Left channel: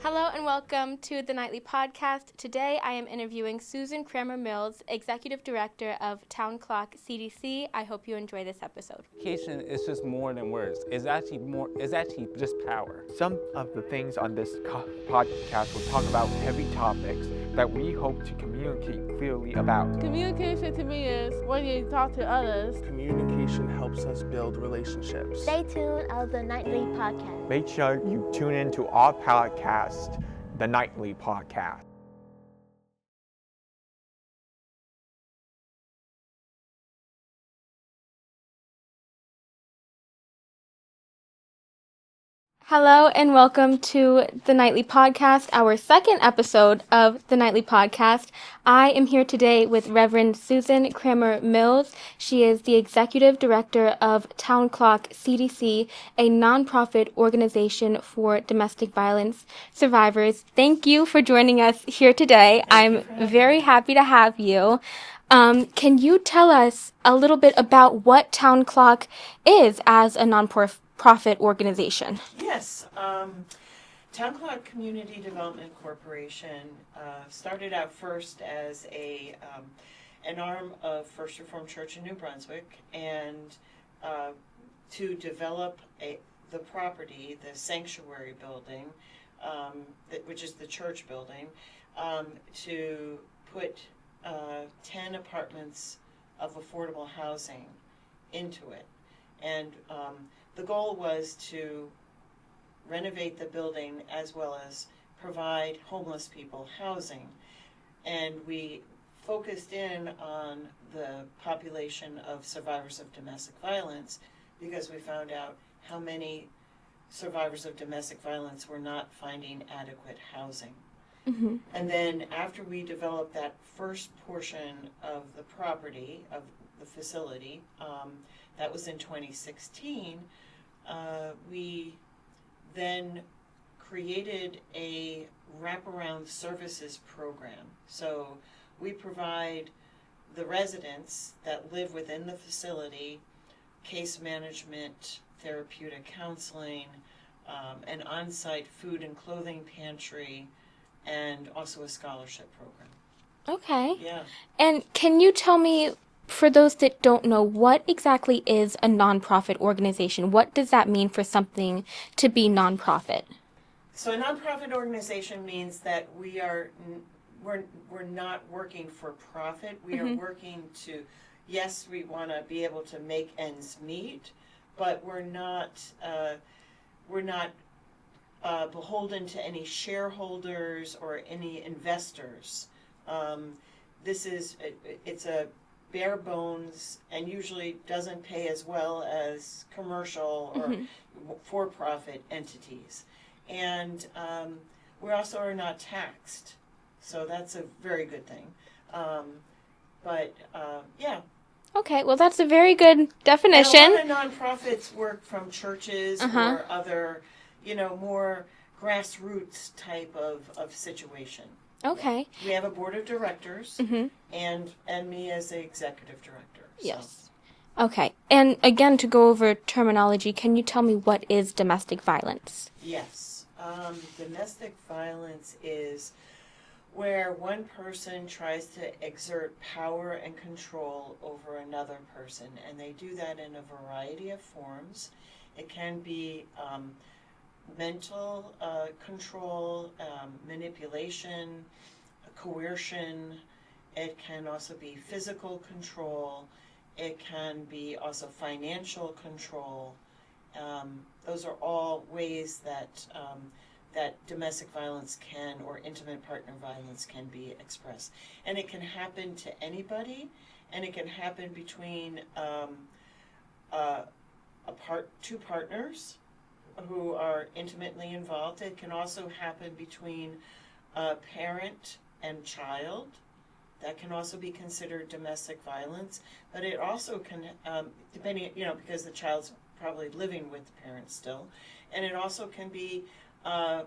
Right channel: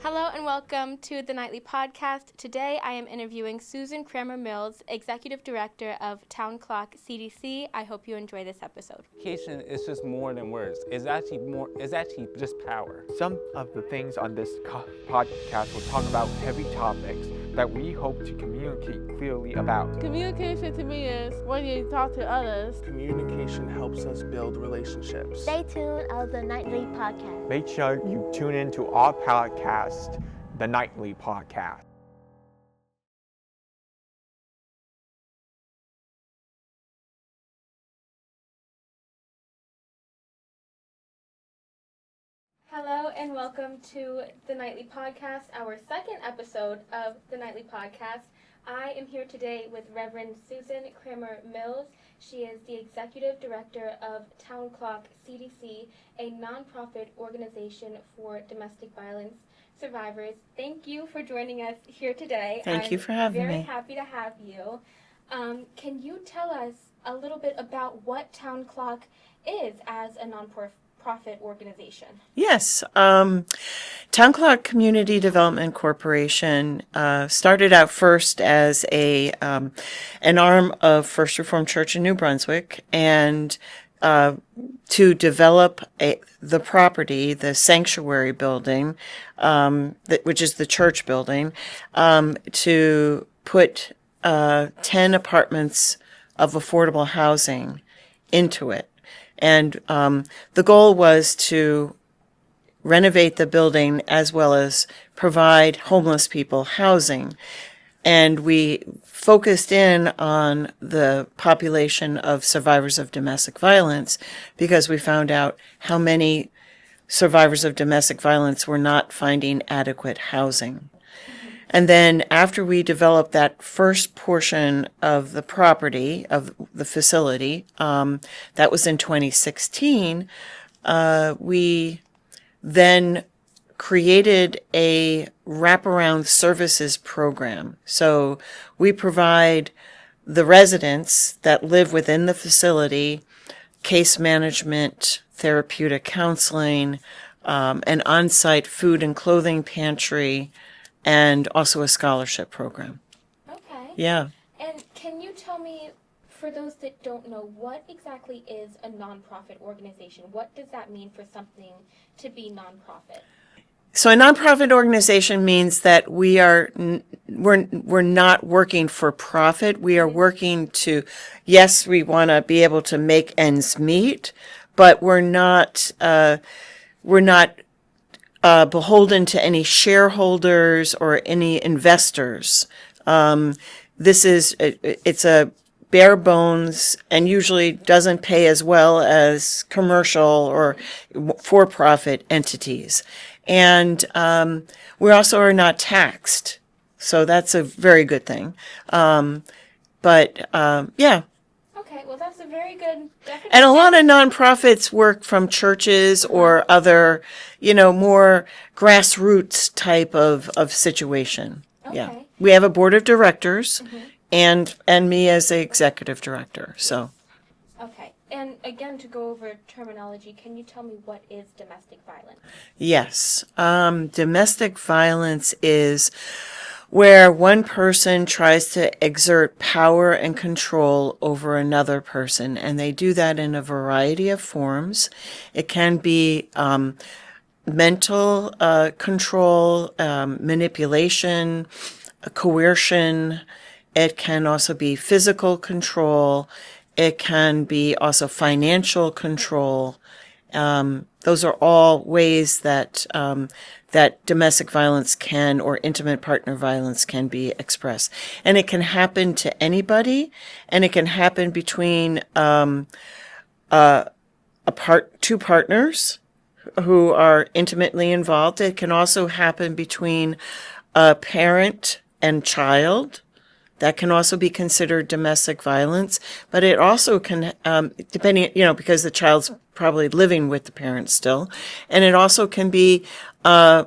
Hello and welcome to the Nightly Podcast. Today I am interviewing Susan Kramer-Mills, Executive Director of Town Clock CDC. I hope you enjoy this episode. Communication is just more than words. It's actually just power. Some of the things on this podcast will talk about heavy topics that we hope to communicate clearly about. Communication to me is when you talk to others. Communication helps us build relationships. Stay tuned on the Nightly Podcast. Make sure you tune in to our podcast, the Nightly Podcast. Hello and welcome to the Nightly Podcast, our second episode of the Nightly Podcast. I am here today with Reverend Susan Kramer-Mills. She is the Executive Director of Town Clock CDC, a nonprofit organization for domestic violence survivors. Thank you for joining us here today. I'm very happy to have you. Can you tell us a little bit about what Town Clock is as a nonprofit organization? Yes. Town Clock Community Development Corporation started out first as an arm of First Reformed Church in New Brunswick, and to develop the property, the sanctuary building, which is the church building, to put 10 apartments of affordable housing into it. And the goal was to renovate the building as well as provide homeless people housing. And we focused in on the population of survivors of domestic violence because we found out how many survivors of domestic violence were not finding adequate housing. Mm-hmm. And then after we developed that first portion of the property, of the facility, that was in 2016, we then created a wraparound services program. So we provide the residents that live within the facility case management, therapeutic counseling, an on-site food and clothing pantry, and also a scholarship program. Okay. Yeah. And can you tell me, for those that don't know, what exactly is a nonprofit organization? What does that mean for something to be nonprofit? So a nonprofit organization means that we're not working for profit. We are working to, yes, we want to be able to make ends meet, but we're not beholden to any shareholders or any investors. It's a bare bones and usually doesn't pay as well as commercial or for-profit entities. And we also are not taxed. So that's a very good thing. Yeah. Okay, well, that's a very good definition. And a lot of nonprofits work from churches or other, more grassroots type of situation. Okay. Yeah. We have a board of directors and me as the executive director. So. Yes. Okay. And again, to go over terminology, can you tell me what is domestic violence? Yes. Domestic violence is where one person tries to exert power and control over another person, and they do that in a variety of forms. It can be mental control, manipulation, coercion. It can also be physical control. It can be also financial control. Those are all ways that that domestic violence can, or intimate partner violence can be expressed. And it can happen to anybody, and it can happen between two partners who are intimately involved. It can also happen between a parent and child. That can also be considered domestic violence, but it also can, depending, because the child's probably living with the parent still, and it also can be a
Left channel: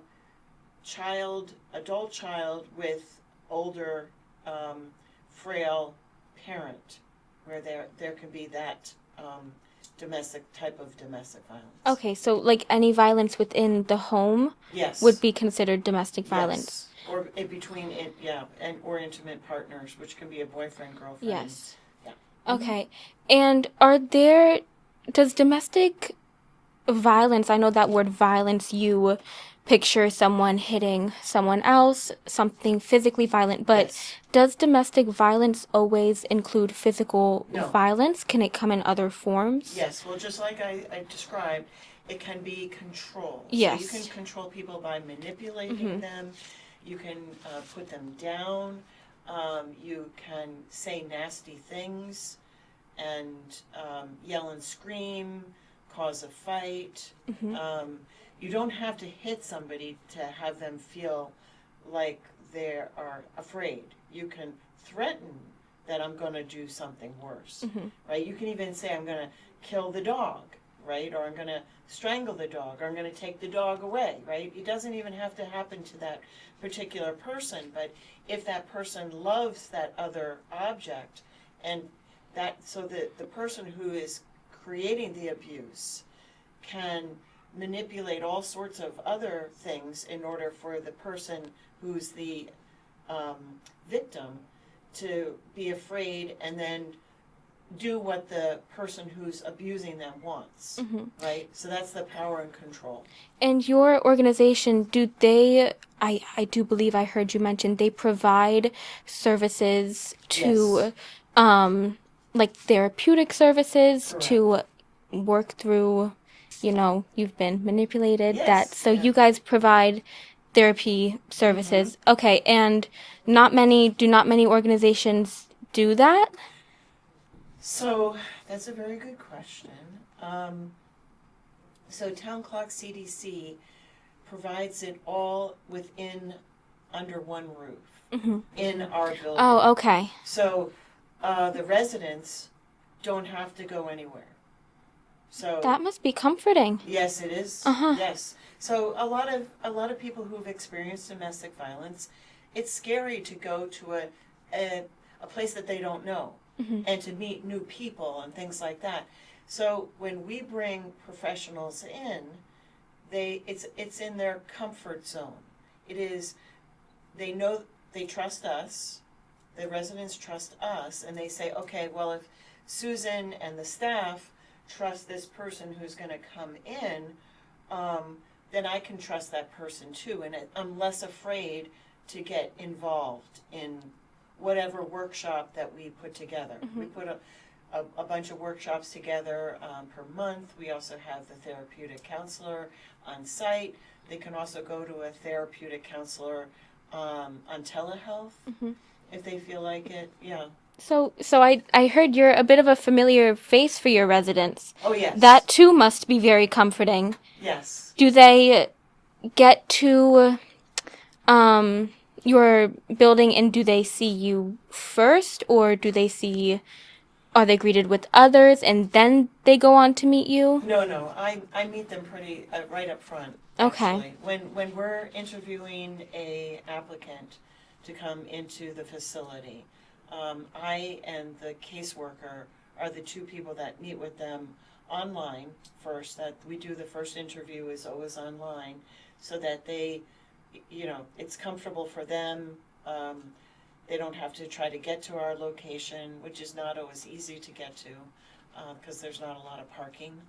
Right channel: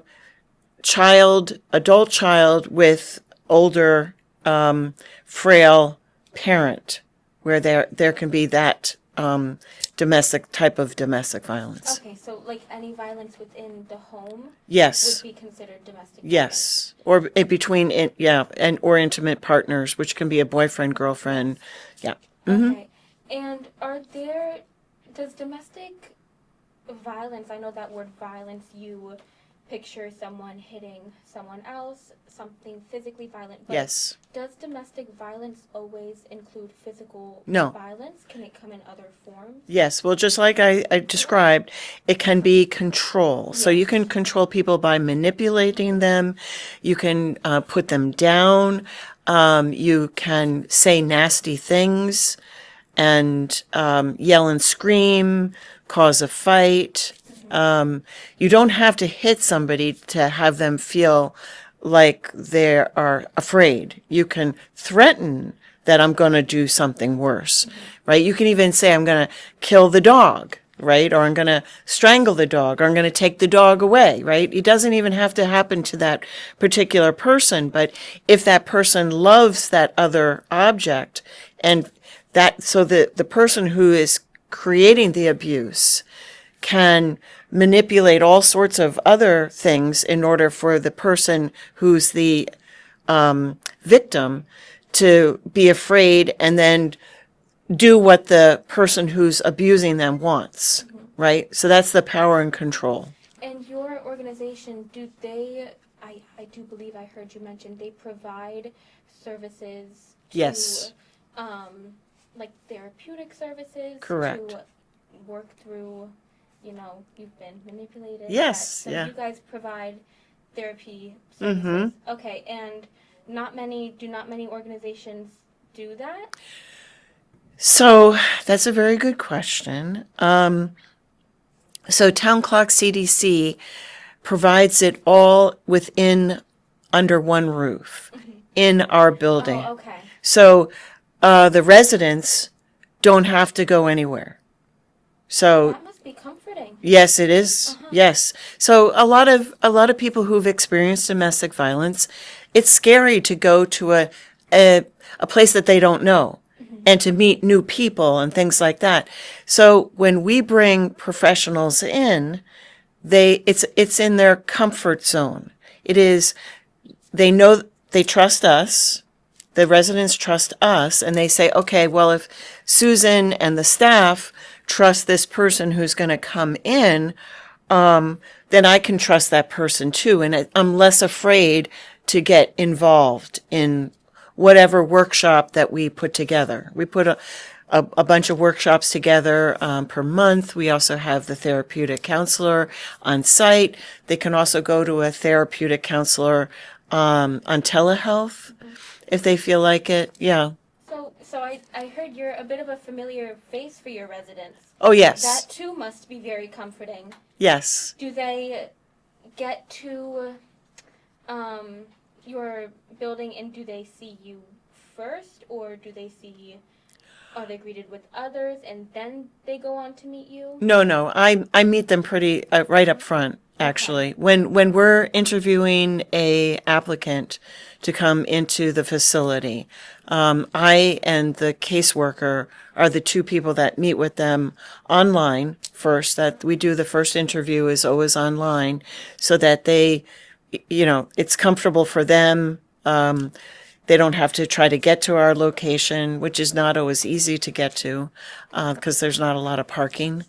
adult child with older, frail parent, where there can be that type of domestic violence. Okay, so like any violence within the home Yes. would be considered domestic violence. Yes. Or between, or intimate partners, which can be a boyfriend, girlfriend. Yes. Yeah. Okay. And does domestic violence, I know that word violence, you picture someone hitting someone else, something physically violent, but Yes. does domestic violence always include physical No. violence? Can it come in other forms? Yes, well, just like I described, it can be control. So you Yes. can control people by manipulating them. You can put them down. You can say nasty things and yell and scream, cause a fight. You don't have to hit somebody to have them feel like they are afraid. You can threaten that I'm going to do something worse, right? You can even say, I'm going to kill the dog, right? Or I'm going to strangle the dog, or I'm going to take the dog away, right? It doesn't even have to happen to that particular person. But if that person loves that other object, and so the person who is creating the abuse can manipulate all sorts of other things in order for the person who's the victim to be afraid and then do what the person who's abusing them wants, right? So that's the power and control. And your organization, I do believe I heard you mention they provide services to, Yes. like therapeutic services Correct. to work through, you've been manipulated. Yes, So yeah. you guys provide therapy services. Okay, and do not many organizations do that? So that's a very good question. So Town Clock CDC provides it all under one roof in our building. Oh, okay. So the residents don't have to go anywhere. So That must be comforting. yes, it is. Yes. So a lot of people who've experienced domestic violence, it's scary to go to a place that they don't know and to meet new people and things like that. So when we bring professionals in, it's in their comfort zone. It is, they know, they trust us. The residents trust us, and they say, okay, well, if Susan and the staff trust this person who's going to come in, then I can trust that person too. And I'm less afraid to get involved in whatever workshop that we put together. We put a bunch of workshops together per month. We also have the therapeutic counselor on site. They can also go to a therapeutic counselor on telehealth if they feel like it. Yeah. So I heard you're a bit of a familiar face for your residents. Oh, yes. That too must be very comforting. Yes. Do they get to your building and do they see you first, or are they greeted with others and then they go on to meet you? No. I meet them pretty right up front, actually. Okay. When we're interviewing a applicant to come into the facility, I and the caseworker are the two people that meet with them online first. That we do the first interview is always online, so that they, it's comfortable for them. They don't have to try to get to our location, which is not always easy to get to, because there's not a lot of parking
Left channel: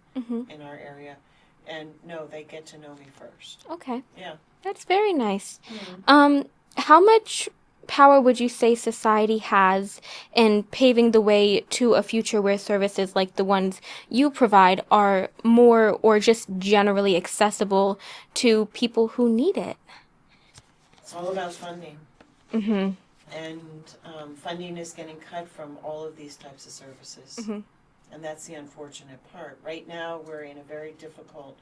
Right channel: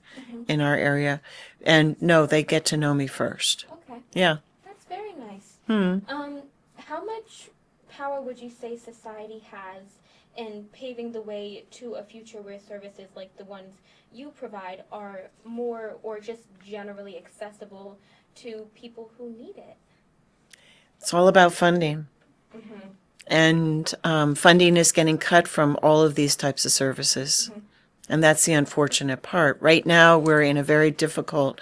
in our area. And no, they get to know me first. Okay. Yeah. That's very nice. How much power would you say society has in paving the way to a future where services like the ones you provide are more or just generally accessible to people who need it? It's all about funding. And funding is getting cut from all of these types of services. And that's the unfortunate part. Right now, we're in a very difficult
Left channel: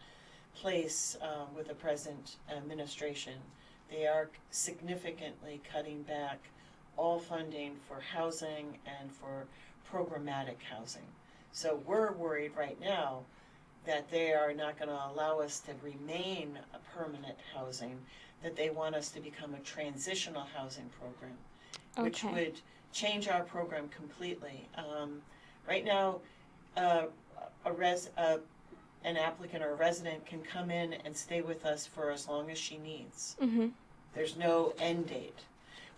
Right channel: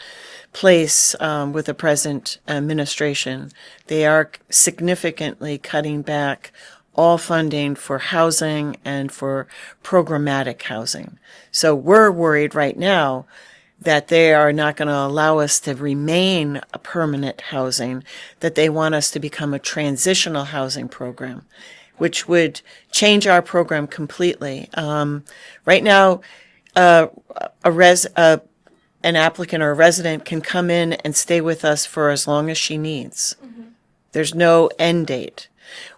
place with the present administration. They are significantly cutting back all funding for housing and for programmatic housing. So we're worried right now that they are not going to allow us to remain a permanent housing, that they want us to become a transitional housing program, which would change our program completely. Right now, an applicant or a resident can come in and stay with us for as long as she needs. There's no end date.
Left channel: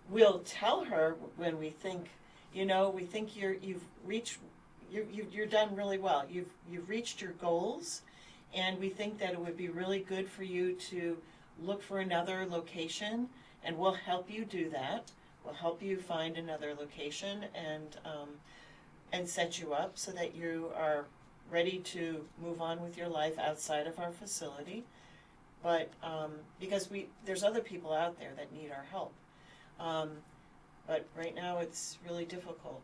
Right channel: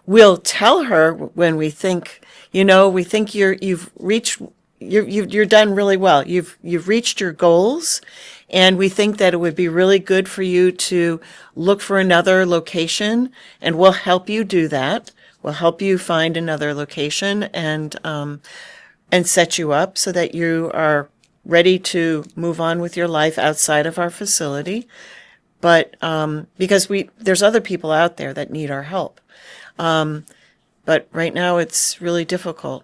We'll tell her when we think, we think you've reached, you're done really well. You've reached your goals, and we think that it would be really good for you to look for another location, and we'll help you do that. We'll help you find another location and set you up so that you are ready to move on with your life outside of our facility. But because there's other people out there that need our help. But right now it's really difficult.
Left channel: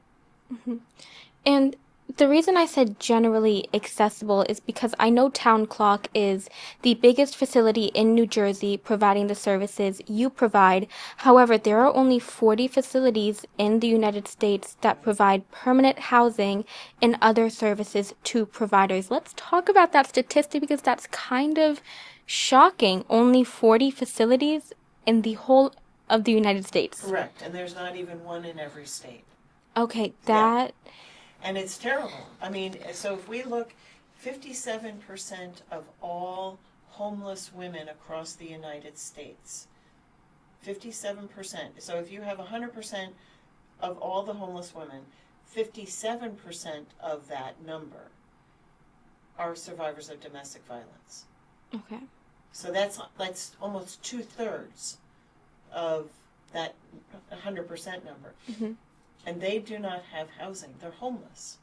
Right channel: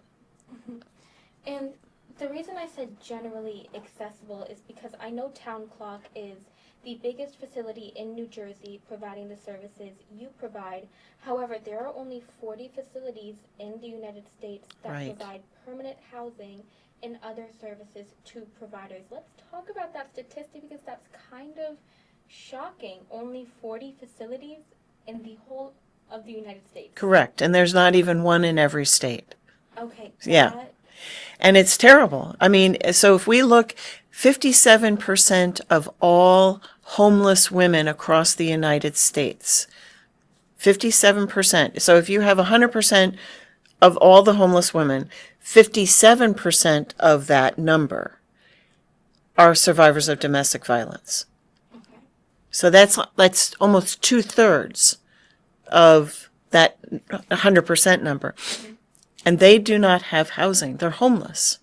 And the reason I said generally accessible is because I know Town Clock is the biggest facility in New Jersey providing the services you provide. However, there are only 40 facilities in the United States that Right. provide permanent housing and other services to providers. Let's talk about that statistic because that's kind of shocking. Only 40 facilities in the whole of the United States. Correct. And there's not even one in every state. Okay, Yeah. that... And it's terrible. I mean, so if we look, 57% of all homeless women across the United States, 57%. So if you have 100% of all the homeless women, 57% of that number are survivors of domestic violence. Okay. So that's almost 2/3 of that 100% number. And they do not have housing. They're homeless.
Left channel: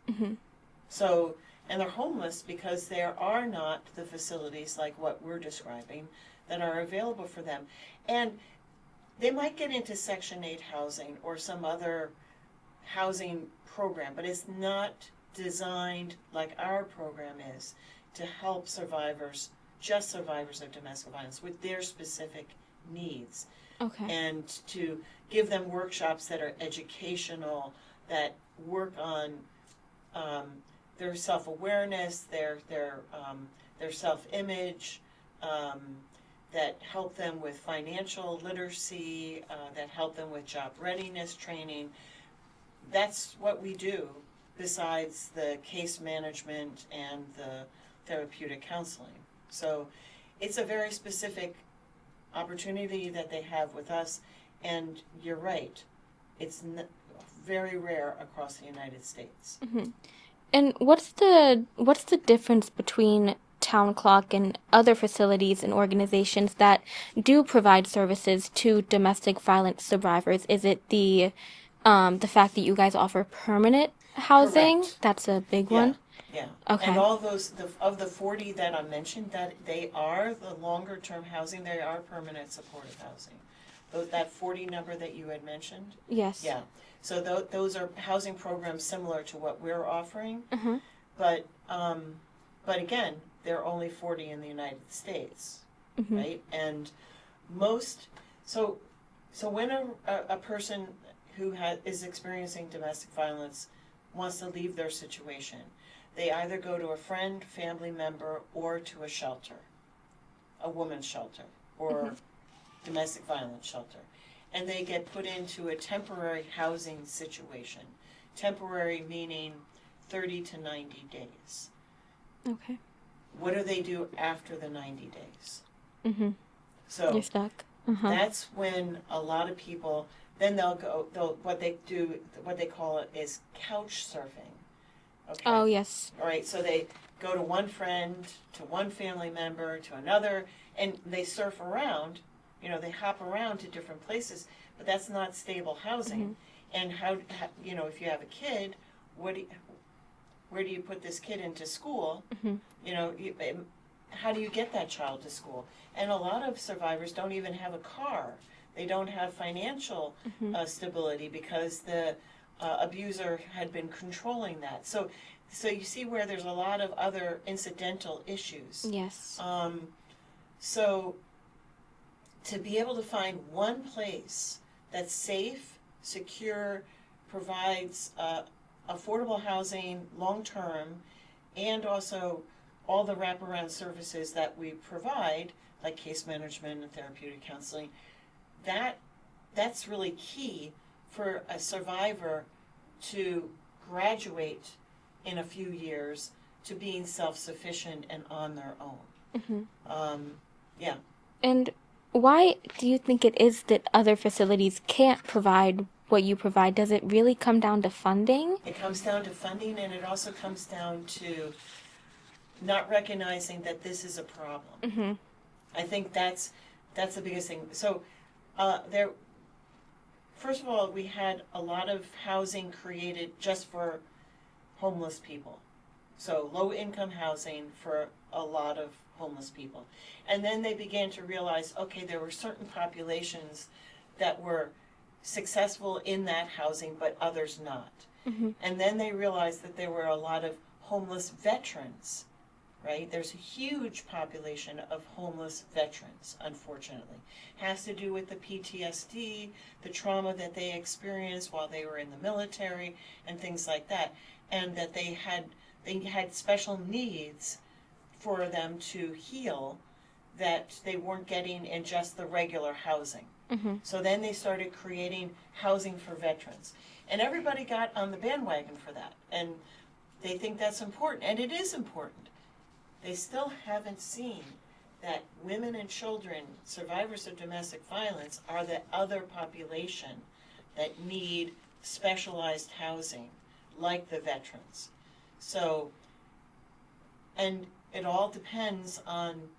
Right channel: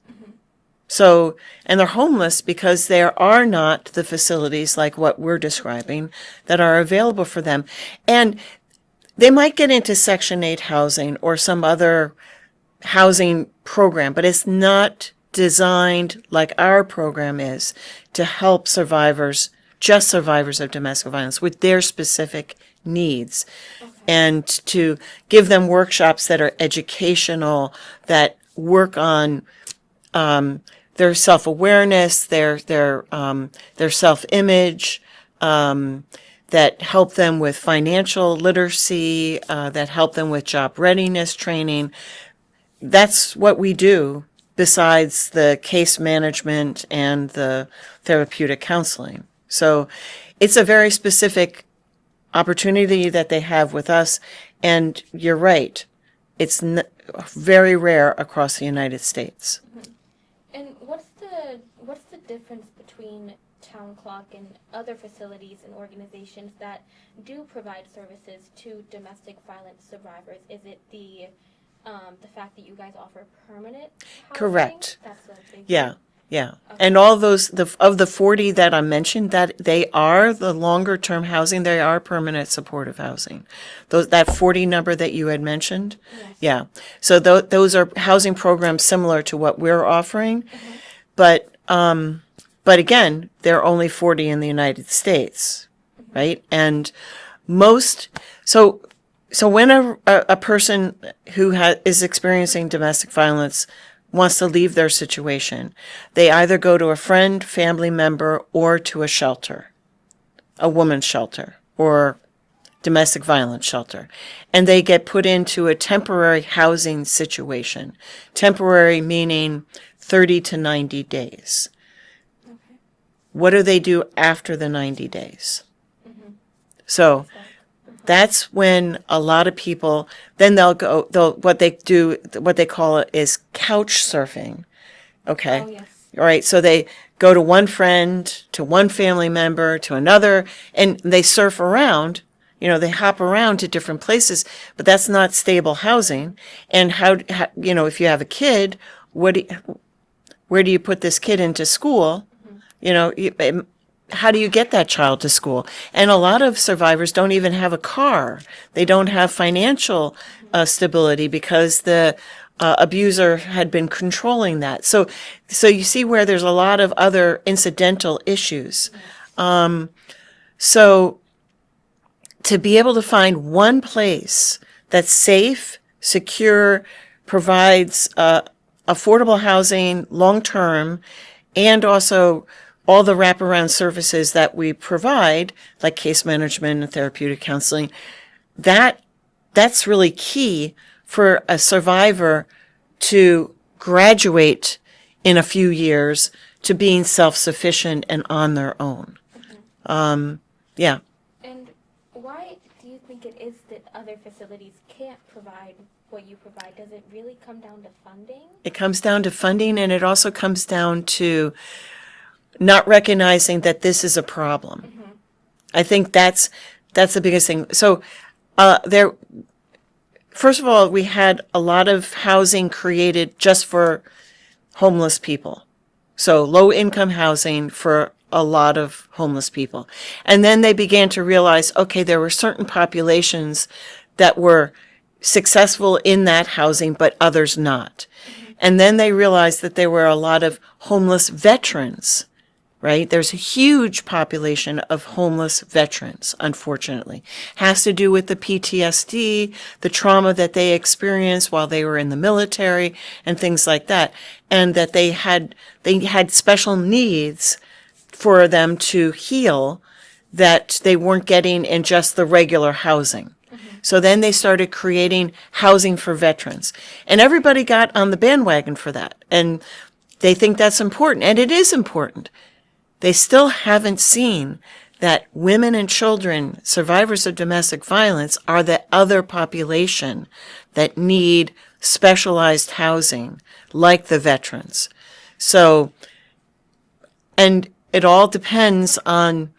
So, and they're homeless because there are not the facilities like what we're describing that are available for them. And they might get into Section 8 housing or some other housing program, but it's not designed like our program is to help survivors, just survivors of domestic violence, with their specific needs, and to give them workshops that are educational, that work on their self-awareness, their self-image, that help them with financial literacy, that help them with job readiness training. That's what we do besides the case management and the therapeutic counseling. So it's a very specific opportunity that they have with us, and you're right, it's very rare across the United States. And what's the difference between Town Clock and other facilities and organizations that do provide services to domestic violence survivors? Is it the fact that you guys offer permanent housing? Correct. That's a big Yeah. one. Yeah. Okay. And all those, of the 40 that I mentioned, that they are the longer term housing, they are permanent supportive housing. That 40 number that you had mentioned. Yes. Yeah. So those are housing programs similar to what we're offering. But again, there are only 40 in the United States, right? And so when a person who is experiencing domestic violence wants to leave their situation, they either go to a friend, family member, or to a shelter, a woman's shelter, or domestic violence shelter. And they get put into a temporary housing situation. Temporary meaning 30 to 90 days. Okay. What do they do after the 90 days? So Yes, Doc. that's when a lot of people, then what they call it is couch surfing. Okay. Oh, yes. All right. So they go to one friend, to one family member, to another, and they surf around. They hop around to different places, but that's not stable housing. And how if you have a kid, where do you put this kid into school? How do you get that child to school? And a lot of survivors don't even have a car. They don't have financial stability because the abuser had been controlling that. So you see where there's a lot of other incidental issues. Yes. So to be able to find one place that's safe, secure, provides affordable housing long-term, and also all the wraparound services that we provide, like case management and therapeutic counseling, that's really key for a survivor to graduate in a few years to being self-sufficient and on their own. Yeah. And why do you think it is that other facilities can't provide what you provide? Does it really come down to funding? It comes down to funding, and it also comes down to not recognizing that this is a problem. I think that's the biggest thing. So first of all, we had a lot of housing created just for homeless people. So low income housing for a lot of homeless people. And then they began to realize, okay, there were certain populations that were successful in that housing, but others not. And then they realized that there were a lot of homeless veterans, right? There's a huge population of homeless veterans, unfortunately. Has to do with the PTSD, the trauma that they experienced while they were in the military and things like that. And that they had special needs for them to heal that they weren't getting in just the regular housing. So then they started creating housing for veterans. And everybody got on the bandwagon for that. And they think that's important. And it is important. They still haven't seen that women and children, survivors of domestic violence, are the other population that need specialized housing, like the veterans. So, and it all depends on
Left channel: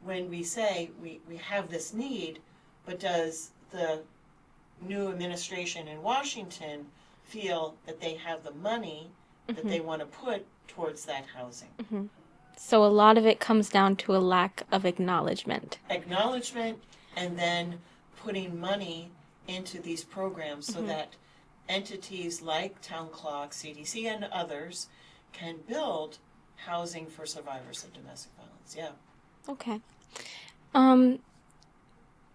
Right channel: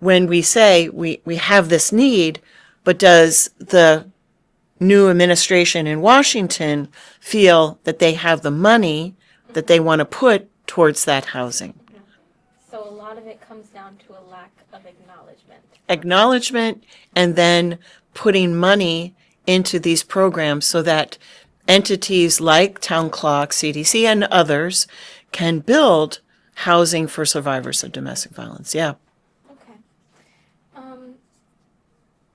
when we say we have this need, but does the new administration in Washington feel that they have the money that they want to put towards that housing? So a lot of it comes down to a lack of acknowledgement. Acknowledgement, and then putting money into these programs so that entities like Town Clock CDC and others can build housing for survivors of domestic violence. Yeah. Okay.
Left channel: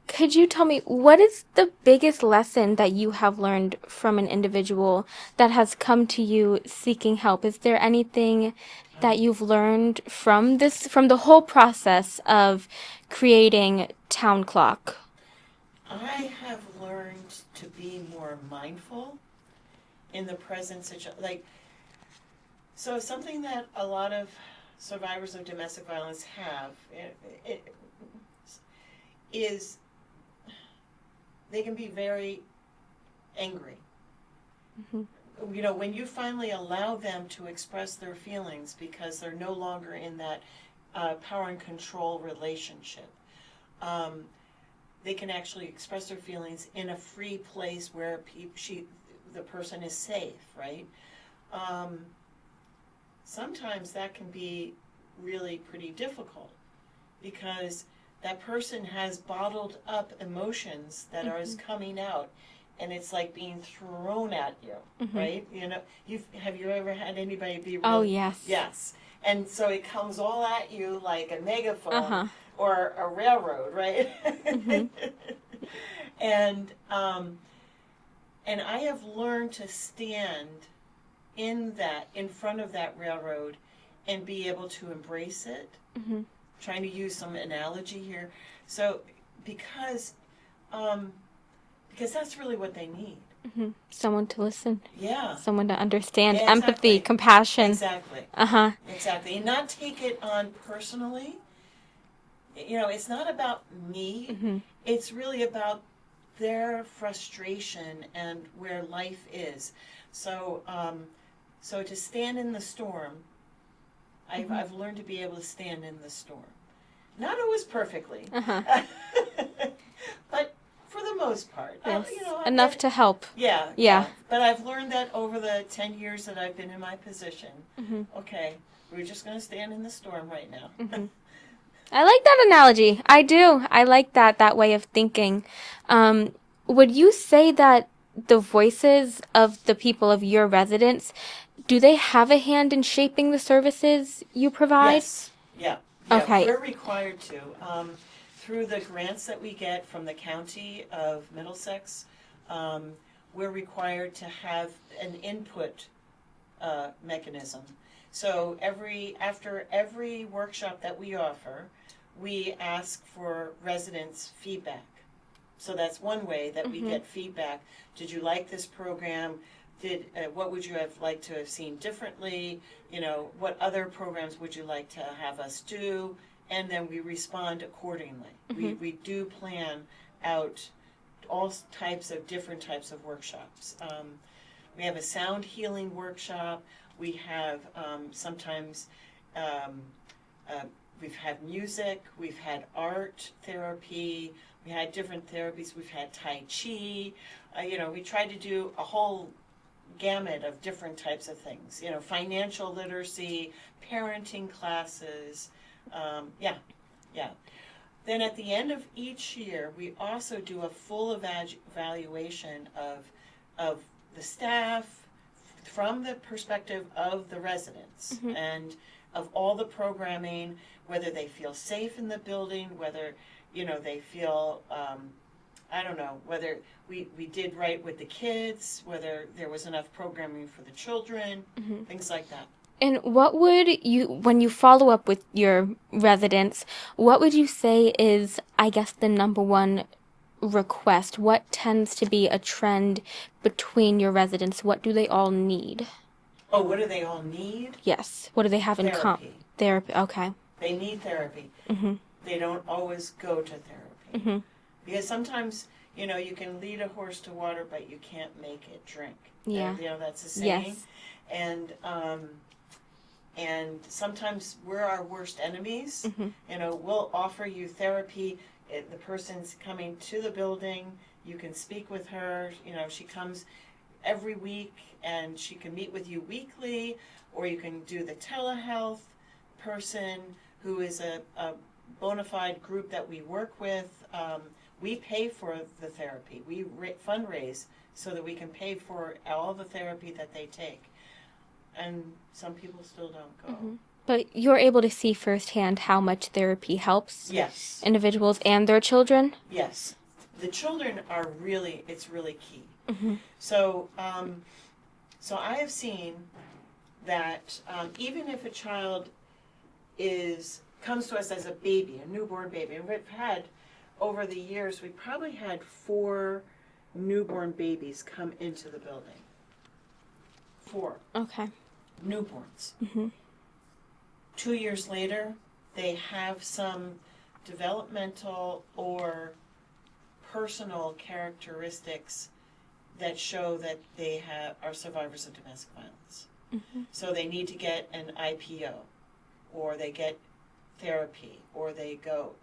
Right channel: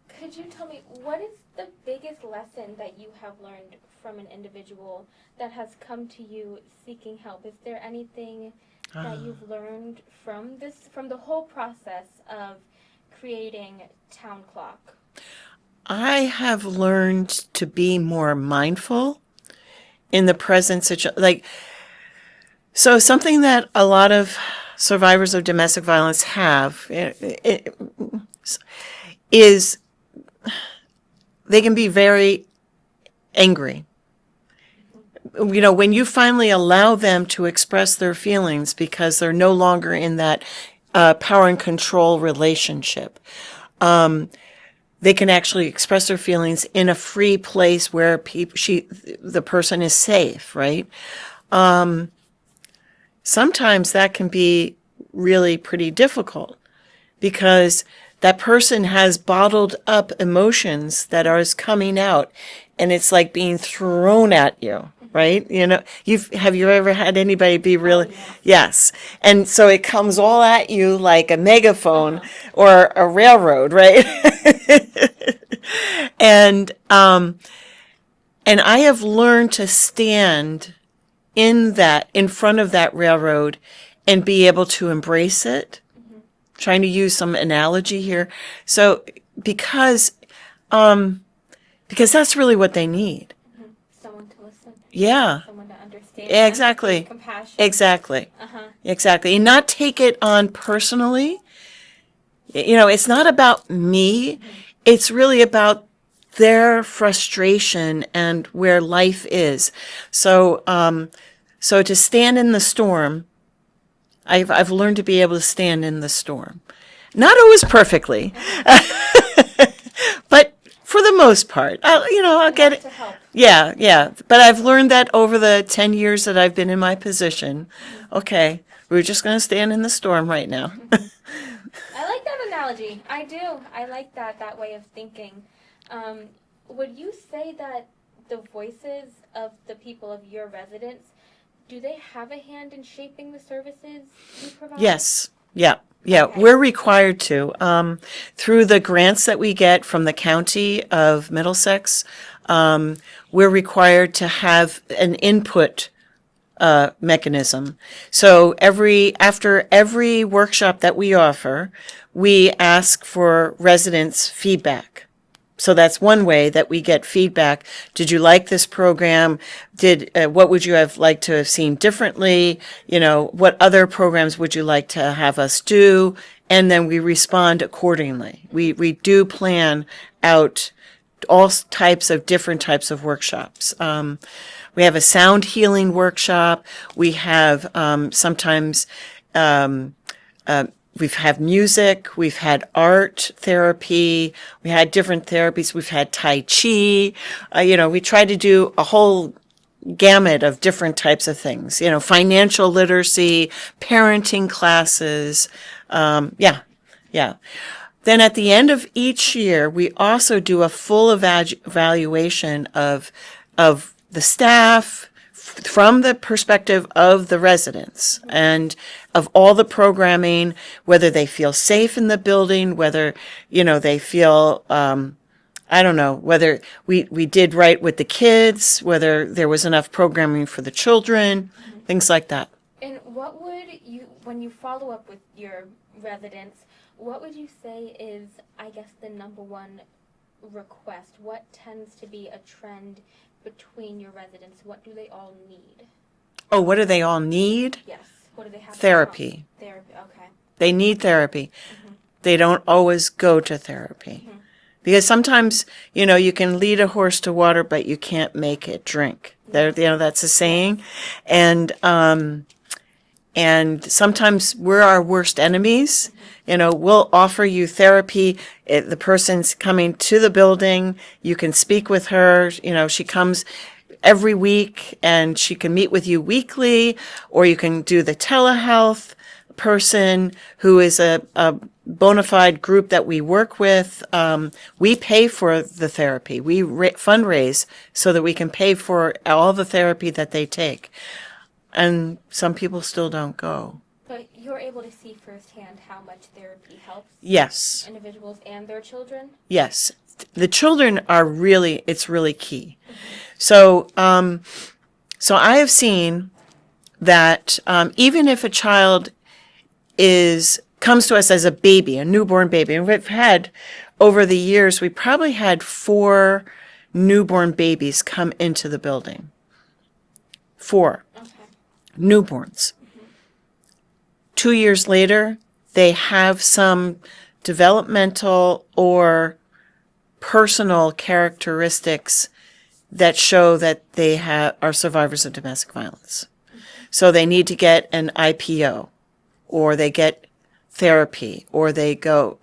Could you tell me, what is the biggest lesson that you have learned from an individual that has come to you seeking help? Is there anything that you've learned from the whole process of creating Town Clock? I have learned to be more mindful in the present situation. So something that a lot of survivors of domestic violence have is they can be very angry. You know, when you finally allow them to express their feelings because they're no longer in that power and control relationship, they can actually express their feelings in a free place where the person is safe, right? Sometimes that can be really pretty difficult because that person has bottled up emotions that are coming out, and it's like being thrown at you, right? You know, have you ever had anybody be really? Oh, yes. Yes. And so it comes all at you like a megaphone or a railroad, right? And I have learned to stand in front of that railroad and be able to embrace it. Trying to use some analogy here. So because that's really what they need. Someone to listen. Yeah. Someone to understand. Yeah, exactly. Empathy, compassion. Exactly. Exactly. And not take it on personally. You know, it's not about me. It's really about their frustration and where life is. So to stand in the storm, I've learned to be able to stand in the storm. Not always perfectly, but for the most part, I'll Enough get it to help. Yeah. But I've learned that over the 10 years that I've been in my position. Okay, we're just going to stand in the storm right now. I like that analogy. I do. I like that way of thinking. Would you say that the voices of the people of your residents, do they have a hand in shaping the services you provide? Yes. Yeah. Okay. We're required to. Through the grants that we get from the county of Middlesex, we're required to have an input mechanism. So after every workshop that we offer, we ask for residents' feedback. So that's one way that we get feedback. Did you like this program? What would you have liked to have seen differently? What other programs would you like to have us do? And then we respond accordingly. We do plan out all types of different types of workshops. We have a sound healing workshop. We have sometimes we've had music, we've had art therapy, we had different therapies, we've had Tai Chi. We try to do a whole gamut of different types of things. Financial literacy, parenting classes. Yeah. Then at the end of each year, we also do a full evaluation of the staff from the perspective of the residents and of all the programming, whether they feel safe in the building, whether, they feel, I don't know, whether we did right with the kids, whether there was enough programming for the children, things like that. And what would when you follow up with your residents, what would you say is, I guess, the number one request? What tends to be a trend between your residents? What do they all need? Oh, what do they all need? Yes. What do they have Therapy. in therapy. Okay. They need therapy. They don't always go to therapy. Because sometimes, you can lead a horse to water, but you can't make it drink. Yeah. That's a saying. Yes. And sometimes we're our worst enemies. We'll offer you therapy. The person's coming to the building. You can speak with her. She comes every week and she can meet with you weekly, or you can do the telehealth person who is a bona fide group that we work with. We pay for the therapy. We fundraise so that we can pay for all the therapy that they take. And some people still don't go. But you're able to see firsthand how much therapy helps Yes. individuals and their children? Yes. The children it's really key. So I have seen that even if a child comes to us as a baby, a newborn baby, and we've had, over the years, we probably had 4 newborn babies come into the building. 4. Okay. Newborns. 2 years later, they have some developmental or personal characteristics that show that they are survivors of domestic violence. So they need to get an IPO, or they get therapy, or they go,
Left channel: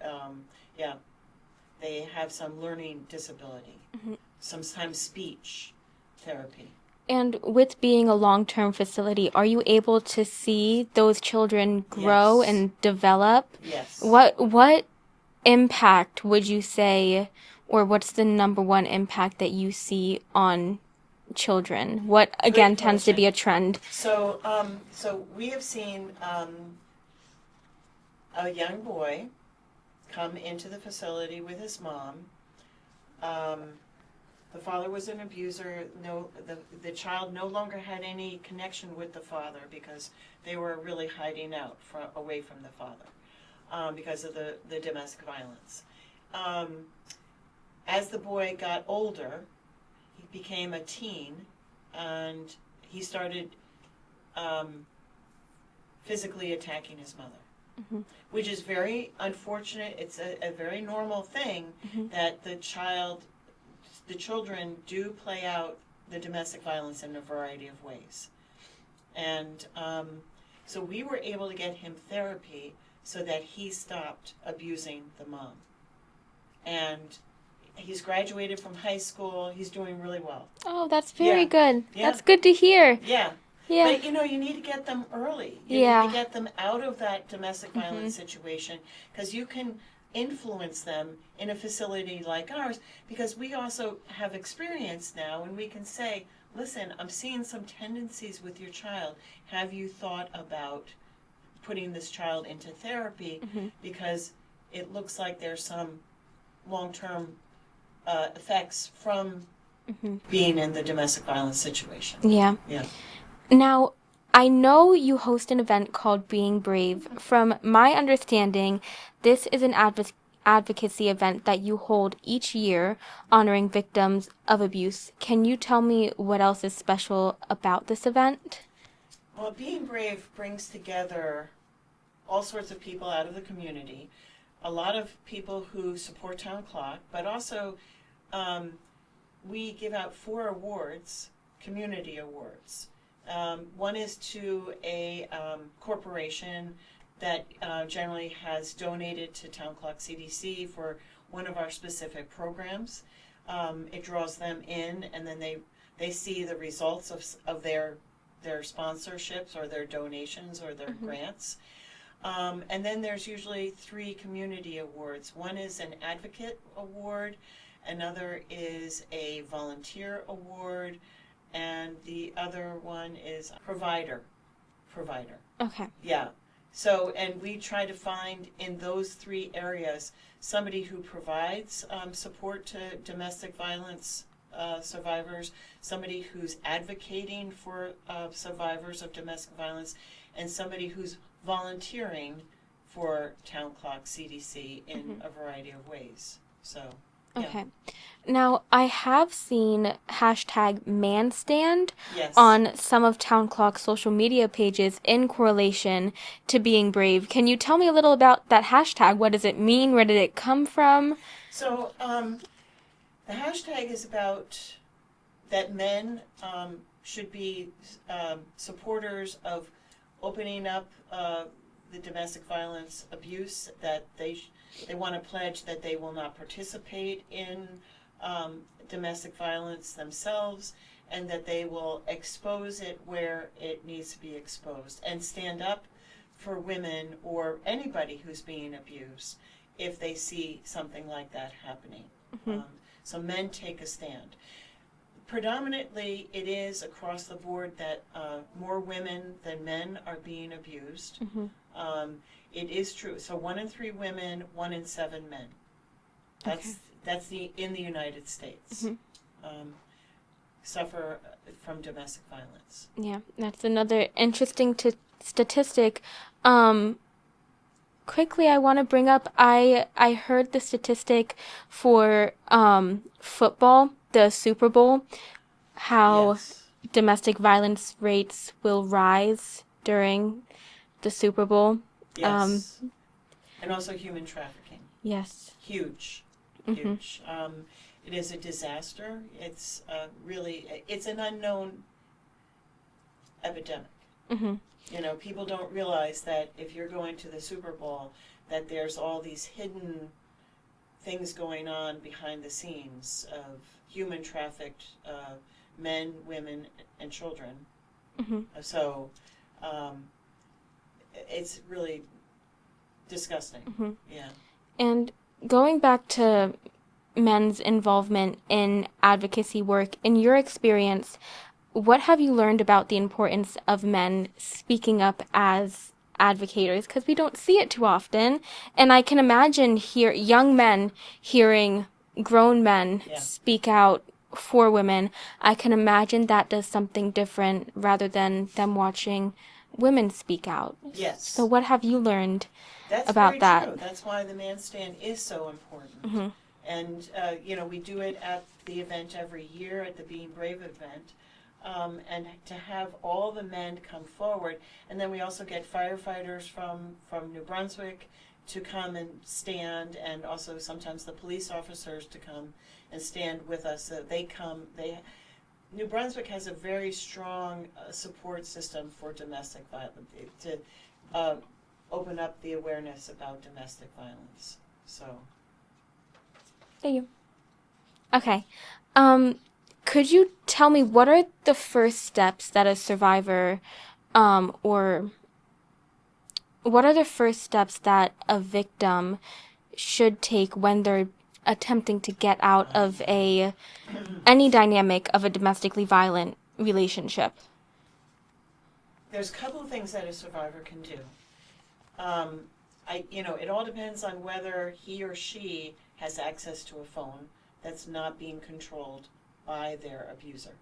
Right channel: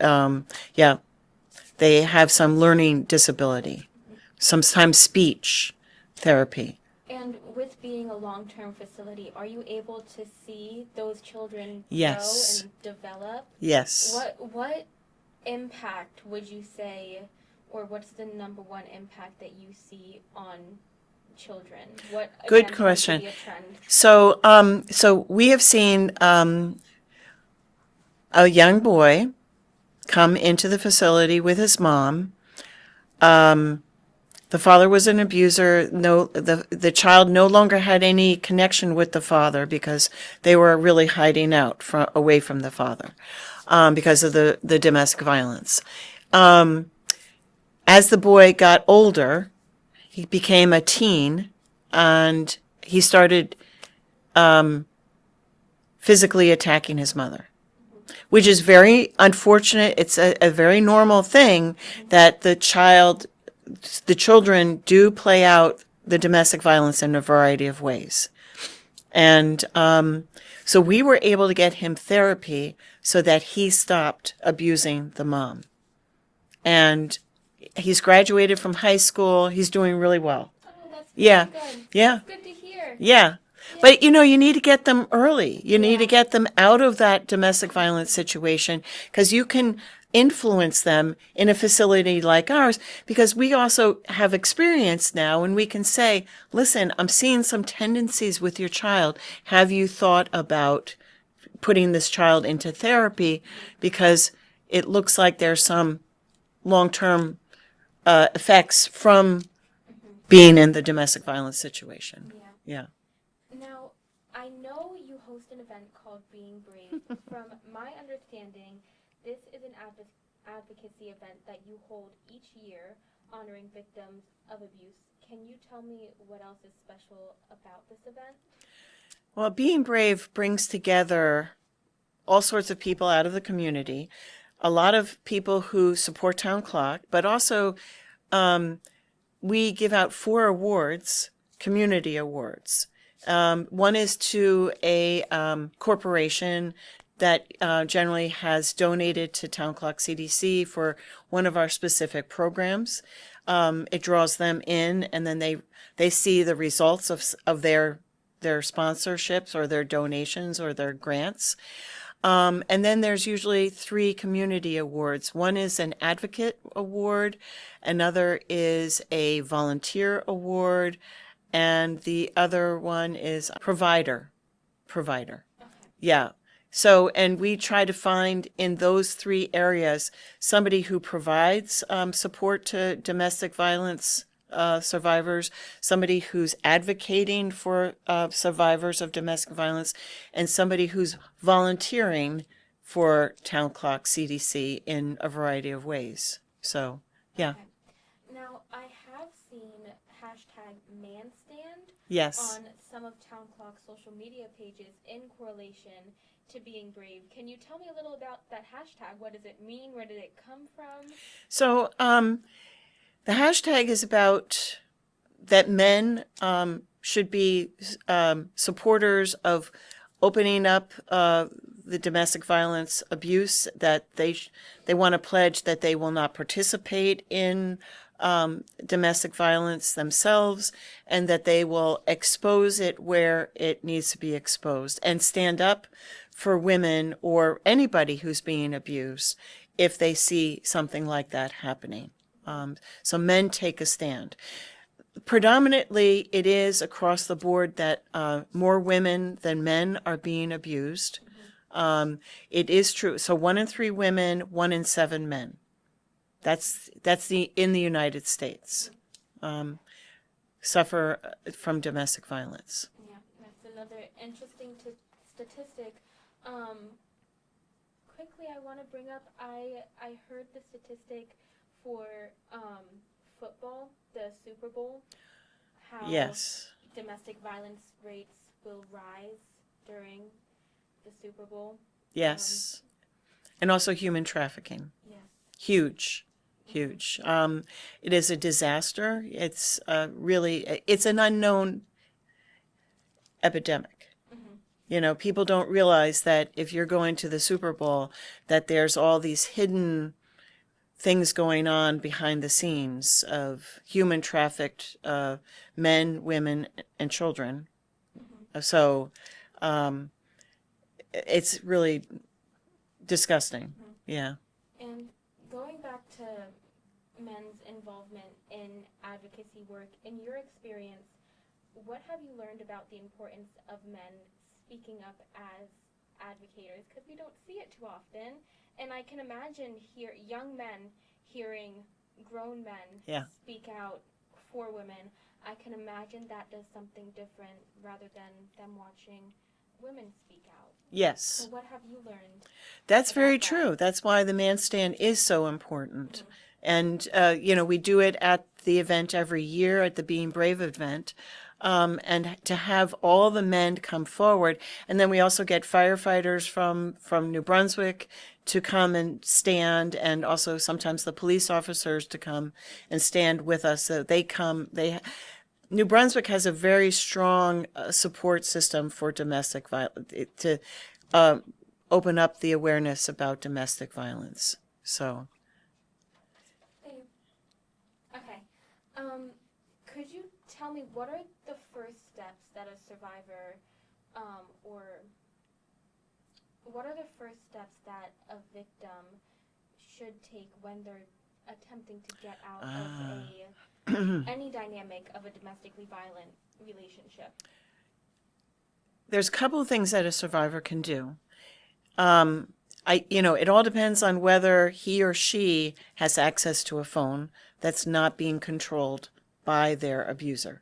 they have some learning disability, sometimes speech therapy. And with being a long-term facility, are you able to see those children grow Yes. and develop? Yes. What impact would you say, or what's the number one impact that you see on children? What, again, tends to be a trend? So we have seen a young boy come into the facility with his mom. The father was an abuser. The child no longer had any connection with the father because they were really hiding out away from the father because of the domestic violence. As the boy got older, he became a teen, and he started physically attacking his mother, which is very unfortunate. It's a very normal thing that the children do play out the domestic violence in a variety of ways. And so we were able to get him therapy so that he stopped abusing the mom. And he's graduated from high school. He's doing really well. Oh, that's very good. Yeah. That's good to hear. Yeah. Yeah. But, you need to get them early. You need Yeah. to get them out of that domestic violence situation, because you can influence them in a facility like ours, because we also have experience now and we can say, listen, I'm seeing some tendencies with your child. Have you thought about putting this child into therapy? Because it looks like there's some long-term effects from being in the domestic violence situation. Yeah. Yeah. Now, I know you host an event called Being Brave. From my understanding, this is an advocacy event that you hold each year honoring victims of abuse. Can you tell me what else is special about this event? Well, Being Brave brings together all sorts of people out of the community, a lot of people who support Town Clock, but also we give out 4 awards, community awards. One is to a corporation that generally has donated to Town Clock CDC for one of our specific programs. It draws them in, and then they see the results of their sponsorships or their donations or their grants. And then there's usually 3 community awards. One is an advocate award, another is a volunteer award, and the other one is provider. Okay. Yeah. So, and we try to find in those 3 areas somebody who provides support to domestic violence survivors, somebody who's advocating for survivors of domestic violence, and somebody who's volunteering for Town Clock CDC in a variety of ways. So, yeah. Okay. Now, I have seen #manstand Yes. on some of Town Clock's social media pages in correlation to Being Brave. Can you tell me a little about that hashtag? What does it mean? Where did it come from? So, the hashtag is about that men should be supporters of opening up the domestic violence abuse, that they want to pledge that they will not participate in domestic violence themselves, and that they will expose it where it needs to be exposed, and stand up for women or anybody who's being abused if they see something like that happening. So men take a stand. Predominantly, it is across the board that more women than men are being abused. It is true. So 1 in 3 women, 1 in 7 men. That's in the United States suffer from domestic violence. Yeah, that's another interesting statistic. Quickly, I want to bring up, I heard the statistic for football, the Super Bowl, how Yes. domestic violence rates will rise during the Super Bowl. Yes. And also human trafficking. Yes. Huge. It is a disaster. It's it's an unknown epidemic. You know, people don't realize that if you're going to the Super Bowl, that there's all these hidden things going on behind the scenes of human trafficked men, women, and children. So it's really disgusting. Yeah. And going back to men's involvement in advocacy work, in your experience, what have you learned about the importance of men speaking up as advocates? Because we don't see it too often. And I can imagine young men hearing grown men speak out for women. I can imagine that does something different rather than them watching women speak out. Yes. So what have you learned That's about very that? true. That's why the man stand is so important. And, we do it at the event every year, at the Being Brave event. And to have all the men come forward. And then we also get firefighters from New Brunswick to come and stand, and also sometimes the police officers to come and stand with us. So New Brunswick has a very strong support system for domestic violence, to open up the awareness about domestic violence. So. Thank you. Okay. Could you tell me what are the first steps that a survivor, or what are the first steps that a victim should take when they're attempting to get out of any dynamic of a domestically violent relationship? There's a couple of things that a survivor can do. It all depends on whether he or she has access to a phone that's not being controlled by their abuser.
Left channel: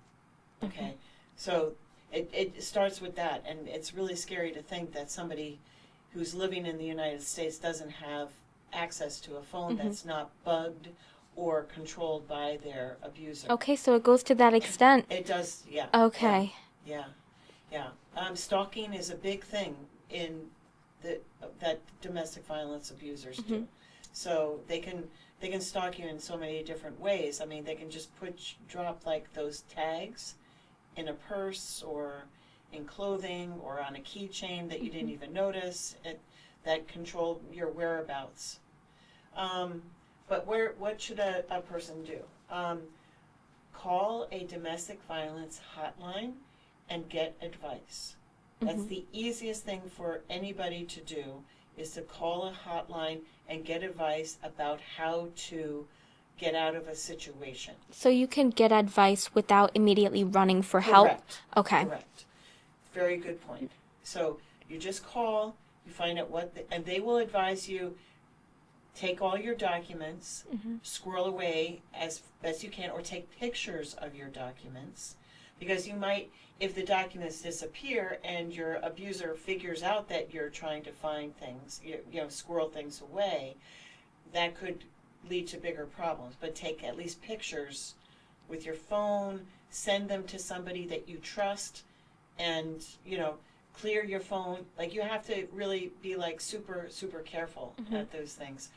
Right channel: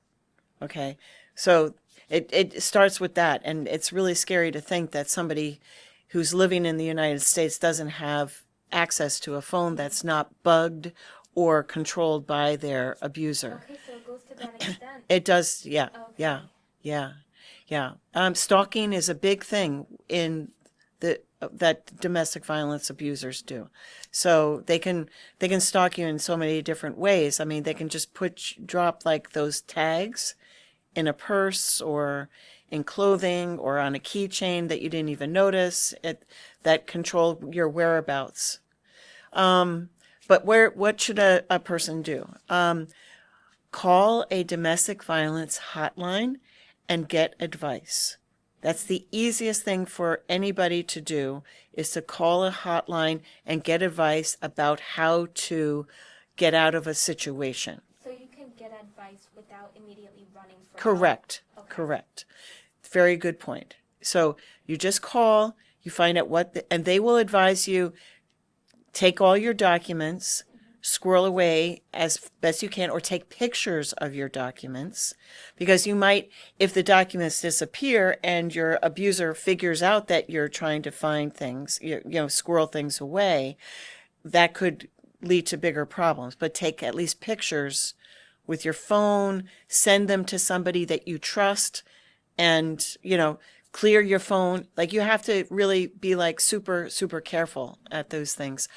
Okay. So it starts with that, and it's really scary to think that somebody who's living in the United States doesn't have access to a phone that's not bugged or controlled by their abuser. Okay, so it goes to that extent. It does, yeah. Okay. Yeah. Stalking is a big thing in that domestic violence abusers do. So they can stalk you in so many different ways. I mean, they can just drop like those tags in a purse or in clothing or on a keychain that you didn't even notice that control your whereabouts. But what should a person do? Call a domestic violence hotline and get advice. That's the easiest thing for anybody to do, is to call a hotline and get advice about how to get out of a situation. So you can get advice without immediately running for help? Correct. Okay. Correct. Very good point. So you just call, you find out and they will advise you. Take all your documents, squirrel away as best you can, or take pictures of your documents, because you might, if the documents disappear and your abuser figures out that you're trying to find things, squirrel things away, that could lead to bigger problems. But take at least pictures with your phone, send them to somebody that you trust, and, clear your phone. Like, you have to really be like super, super careful at those things.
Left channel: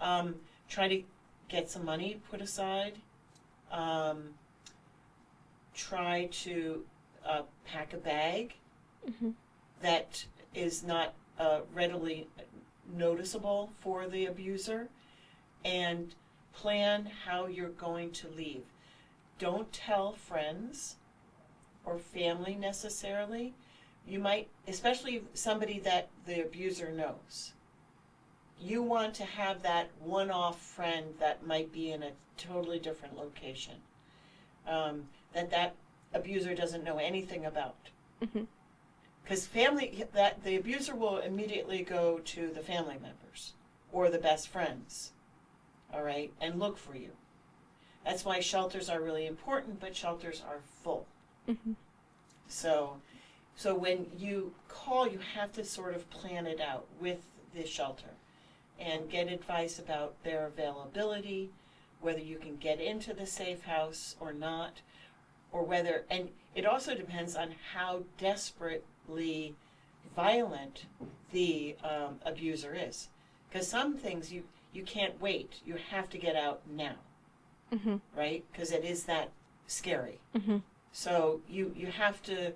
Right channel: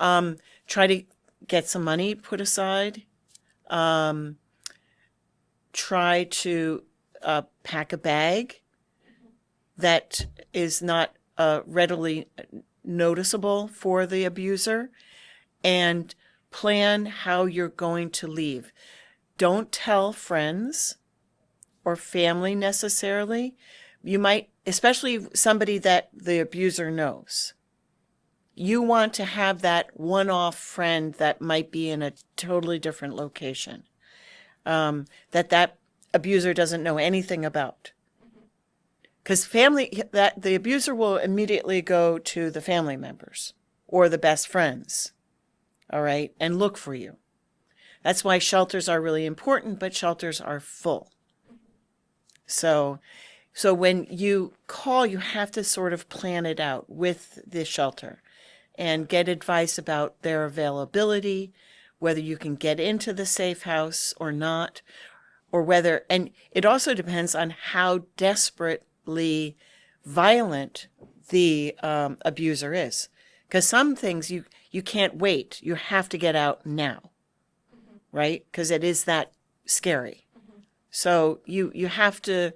Try to get some money put aside. Try to pack a bag that is not readily noticeable for the abuser, and plan how you're going to leave. Don't tell friends or family necessarily. You might, especially somebody that the abuser knows. You want to have that one-off friend that might be in a totally different location, that abuser doesn't know anything about. Because the abuser will immediately go to the family members or the best friends, all right, and look for you. That's why shelters are really important, but shelters are full. So when you call, you have to sort of plan it out with the shelter and get advice about their availability, whether you can get into the safe house or not, or whether, and it also depends on how desperately violent the abuser is. Because some things you can't wait. You have to get out now, right? Because it is that scary. So you have to.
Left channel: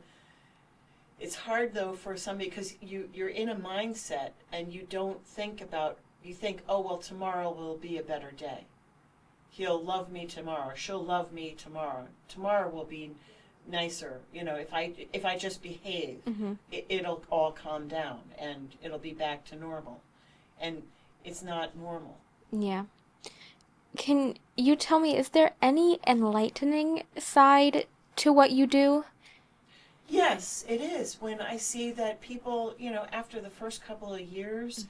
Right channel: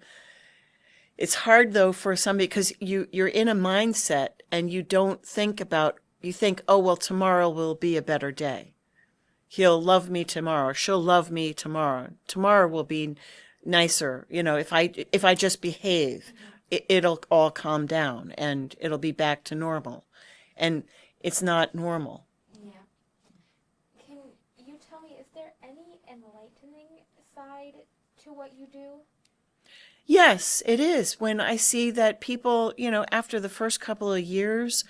It's hard though for somebody, because you're in a mindset and you don't think about. You think, oh well, tomorrow will be a better day. He'll love me tomorrow. She'll love me tomorrow. Tomorrow will be nicer. If I just behave, it'll all calm down and it'll be back to normal. And it's not normal. Yeah. Can you tell me, is there any enlightening side to what you do? Yes, it is. When I see that people, after the first couple of years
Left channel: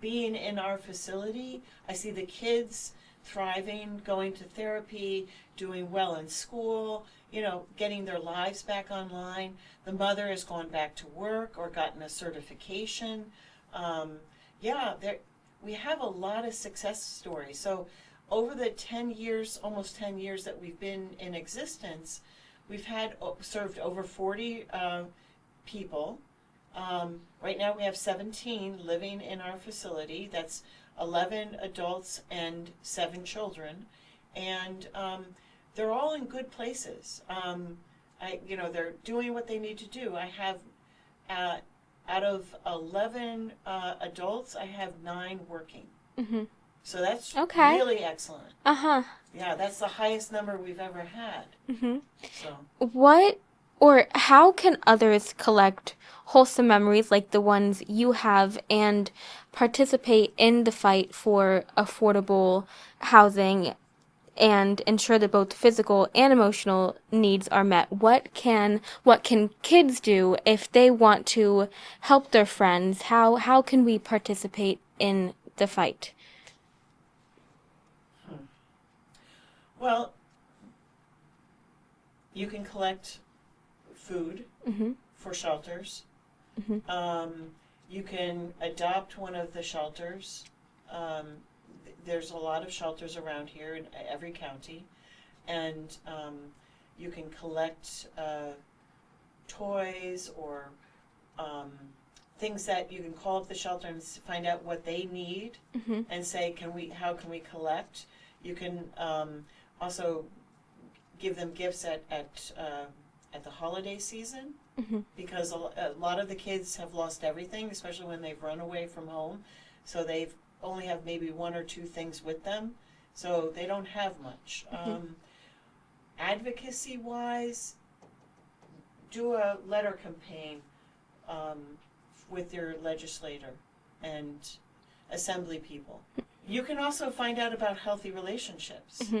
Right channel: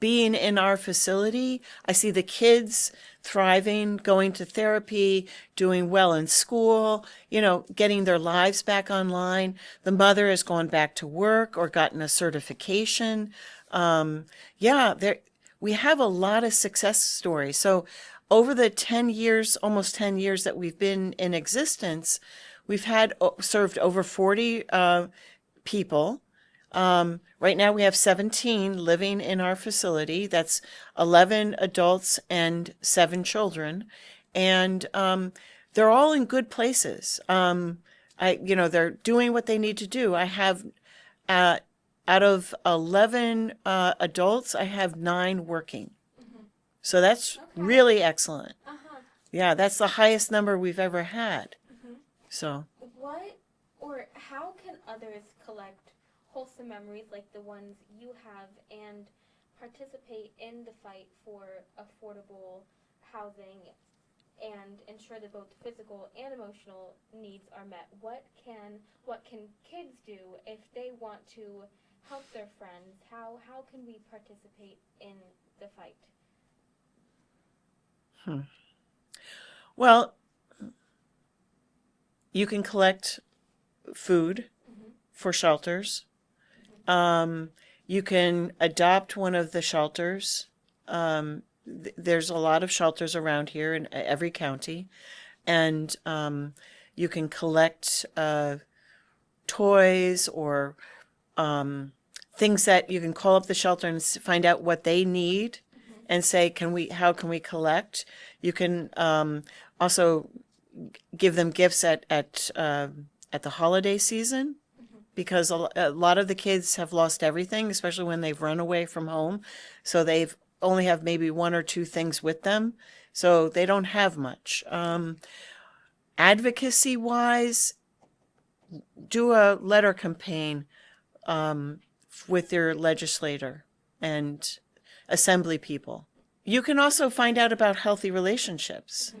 being in our facility, I see the kids thriving, going to therapy, doing well in school, getting their lives back online. The mother has gone back to work or gotten a certification. We have a lot of success stories. So over the 10 years, almost 10 years that we've been in existence, we've served over 40 people. Right now we have 17 living in our facility. That's 11 adults and 7 children. And they're all in good places. They're doing what they need to do. I have, out of 11 adults, I have 9 working. So that's really excellent. Yeah, that's the highest number we've ever had. So what or how can others collect wholesome memories like the ones you have and participate in the fight for affordable housing and ensure that both physical and emotional needs are met? What can kids do if they want to help their friends? How can we participate in the fight? Well, you can collect food for shelters. You can adopt one of the shelters there's a lot of shelters around here in every county, and you can collect toys or things that you can call up the shelter and find out what they need, and say, how can we collect? You can also give them gifts at the holiday season, because a lot of the kids have lost everything, especially when they've run away from home. So they've only have maybe one or two things with them, so they don't have much. Advocacy wise, do a letter campaign with your legislator and assembly people. You can also find out about healthy relationships,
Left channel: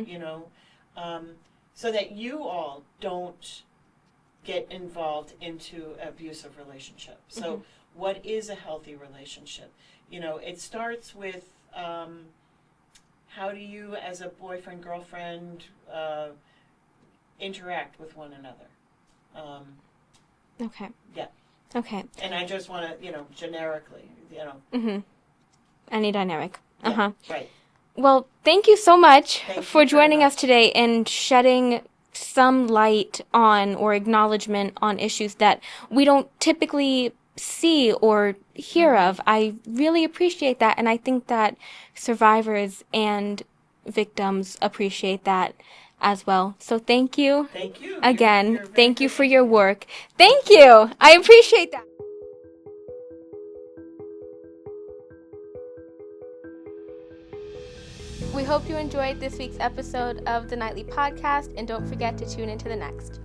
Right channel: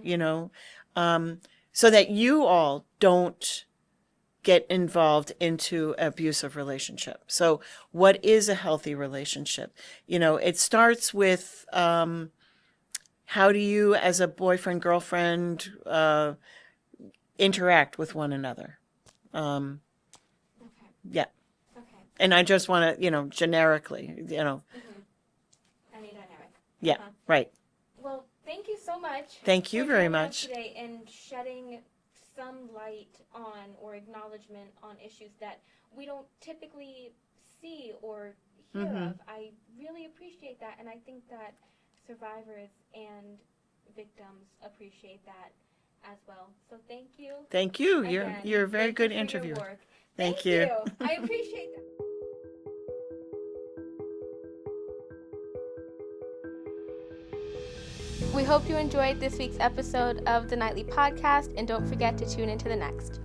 so that you all don't get involved into abusive relationship. So what is a healthy relationship? It starts with how do you, as a boyfriend, girlfriend, interact with one another? Okay. Yeah. Okay. And I just want to, generically, Any dynamic. Yeah, right. Well, thank you so much Thank you for very joining us much. today and shedding some light on or acknowledgement on issues that we don't typically see or hear of. I really appreciate that, and I think that survivors and victims appreciate that as well. So thank you Thank you. again. You're a very Thank you good for your interviewer. work. Thank Thank you. I appreciate that. We hope you enjoyed this week's episode of the Nightly Podcast, and don't forget to tune into the next.